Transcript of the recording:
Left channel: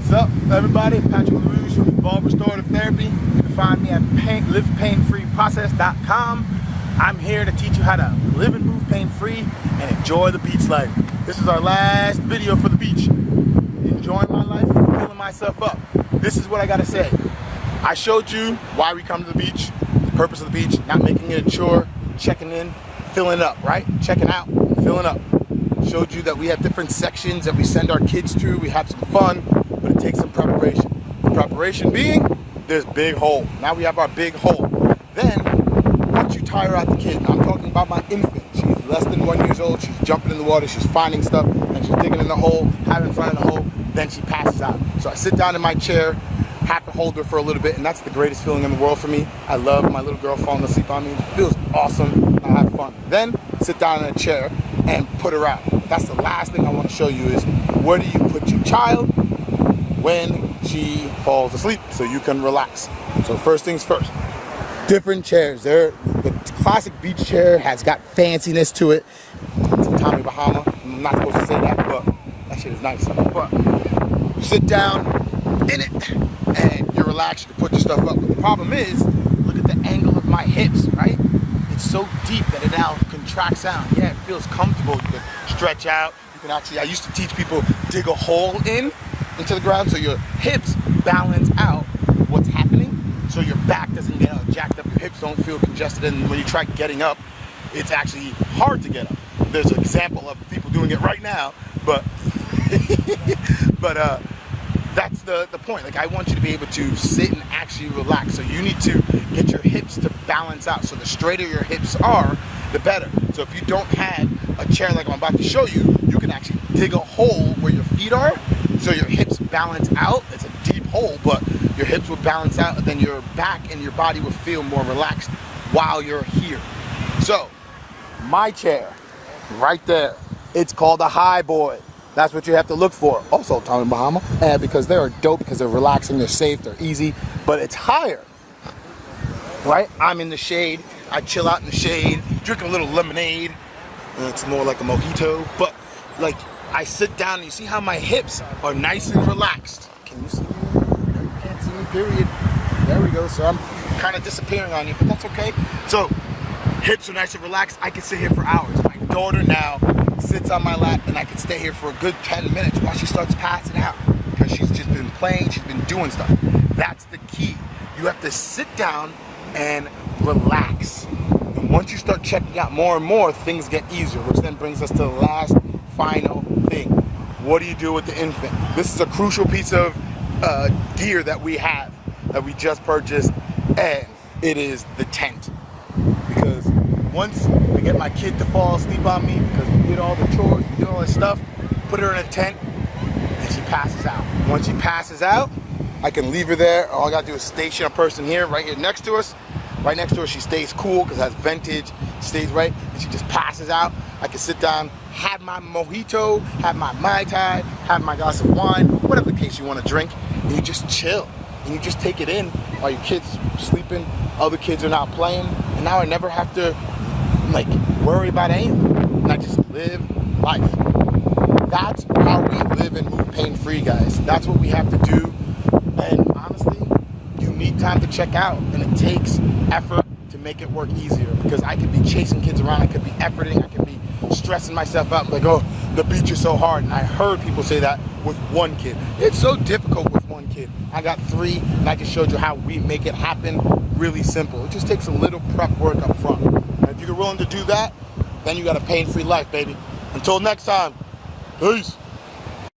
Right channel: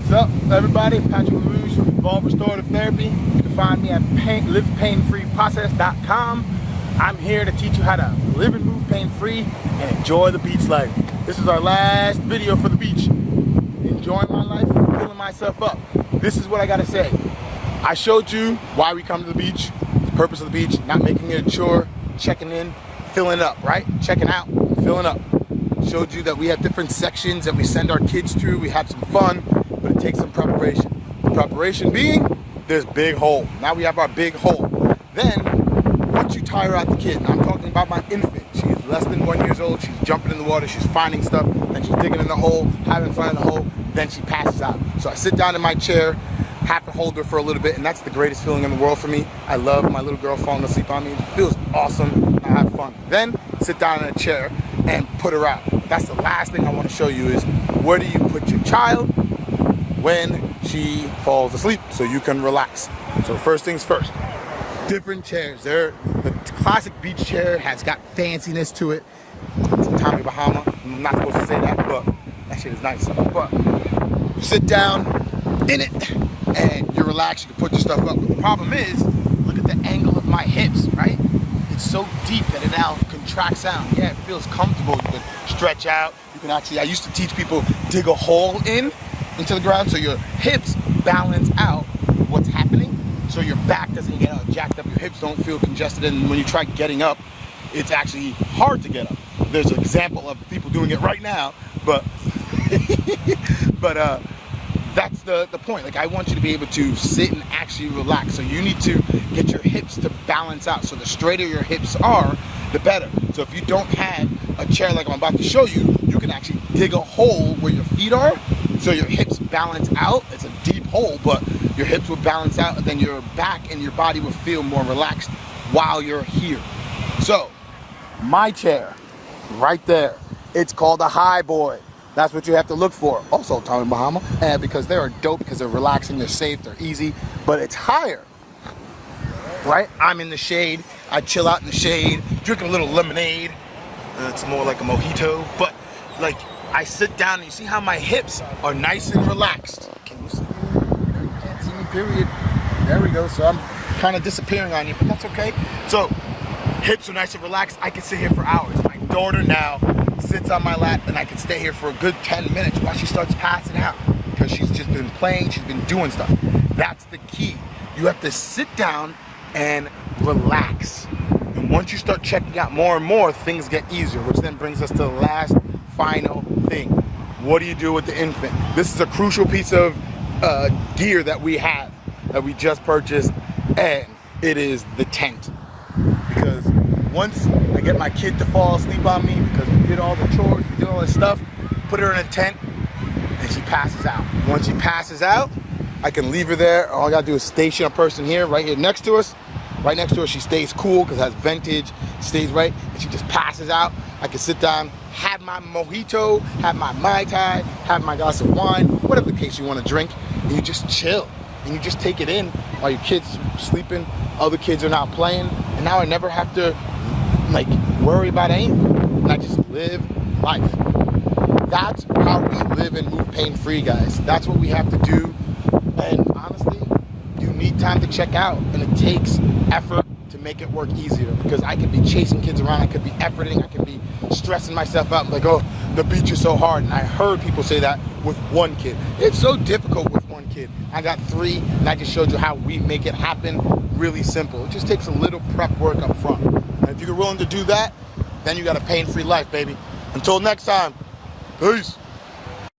What's up, everybody? Patrick LaRouge from Evolve Restorative Therapy. You can find me at livepainfreeprocess.com. I'm here to teach you how to live and move pain-free and enjoy the beach life. This is our last video for the beach. Enjoying my life, filling myself up. This is what I gotta say. I showed you why we come to the beach, the purpose of the beach, not making it a chore, checking in, filling up, right? Checking out, filling up. Showed you that we have different sections that we send our kids to. We have some fun, but it takes some preparation. The preparation being, there's big hole. Now we have our big hole. Then, once you tire out the kid, and I'm talking about my infant, she's less than 1 year old, she's jumping in the water, she's finding stuff, and she's digging in the hole, having in front of the hole, then she passes out. So I sit down in my chair, have to hold her for a little bit, and that's the greatest feeling in the world for me. I love my little girl falling asleep on me. It feels awesome. I have fun. Then sit down in a chair and put her out. That's the last thing I want to show you is where do you put your child when she falls asleep so you can relax. So first things first, different chairs. The classic beach chair has got fanciness to it. It's a Tommy Bahama. I'm not supposed to say that, but that shit is nice. But you sit down in it and you're relaxed, you can put your stuff up. But the problem is, look at the angle of my hips, right? It's so deep that it now contracts down. Yeah, it feels comfortable. You can stretch out. You can actually, I used to teach people dig a hole into the ground so your hips balance out what's happening. So your back doesn't get jacked up, your hips don't feel congested, and when you try getting up, it's actually hard to get up. There's an example of people doing it right now, but that's the point. Like, I want you to be able to sit and actually relax. So you need to get your hips to balance out. So the straighter your hips are, the better. So if you don't have a chair like I'm about to show you, you can actually dig a hole where your feet are so your hips balance out. It's a deep hole, but your hips will balance out, and then your back and your body will feel more relaxed while you're here. So my chair right there, it's called a high boy. That's what you have to look for. Also Tommy Bahama, because they are dope, because they're relaxing, they're safe, they're easy, but it's higher, right? I'm in the shade, I chill out in the shade, drinking a little lemonade. It's more like a mojito, but like I sit down and you see how my hips are nice and relaxed. Can you see me? No, you can't see me, period. There we go. So I'm kind of disappearing on you, but that's okay. So hips are nice and relaxed. I can sit here for hours. My daughter now sits on my lap, and I can stay here for a good 10 minutes while she starts passing out, because she's just been playing, she's been doing stuff. That's the key. You have to sit down and relax. And once you start checking out more and more, things get easier, which then brings us to the last final thing. What do you do with the infant? This is a crucial piece of gear that we have, that we just purchased, and it is the tent. Because once I get my kid to fall asleep on me, because we did all the chores, we did all this stuff, put her in a tent, and she passes out. Once she passes out, I can leave her there. All I gotta do is station a person here, right here next to us. Right next to her, she stays cool because it has ventage, stays right, and she just passes out. I can sit down, have my mojito, have my Mai Tai, have my glass of wine, whatever the case you want to drink, and you just chill. And you just take it in while your kids are sleeping, other kids are not playing, and now I never have to like worry about anything. And I just live life. That's how we live and move pain-free, guys. That's what we have to do. And honestly, you need time to check out, and it takes effort to make it work easier, because I could be chasing kids around, I could be efforting, I could be stressing myself out, like, oh, the beach is so hard. And I heard people say that with one kid. It's so difficult with one kid. I got 3, and I just showed you how we make it happen really simple. It just takes a little prep work up front. And if you're willing to do that, then you got a pain-free life, baby. Until next time, peace.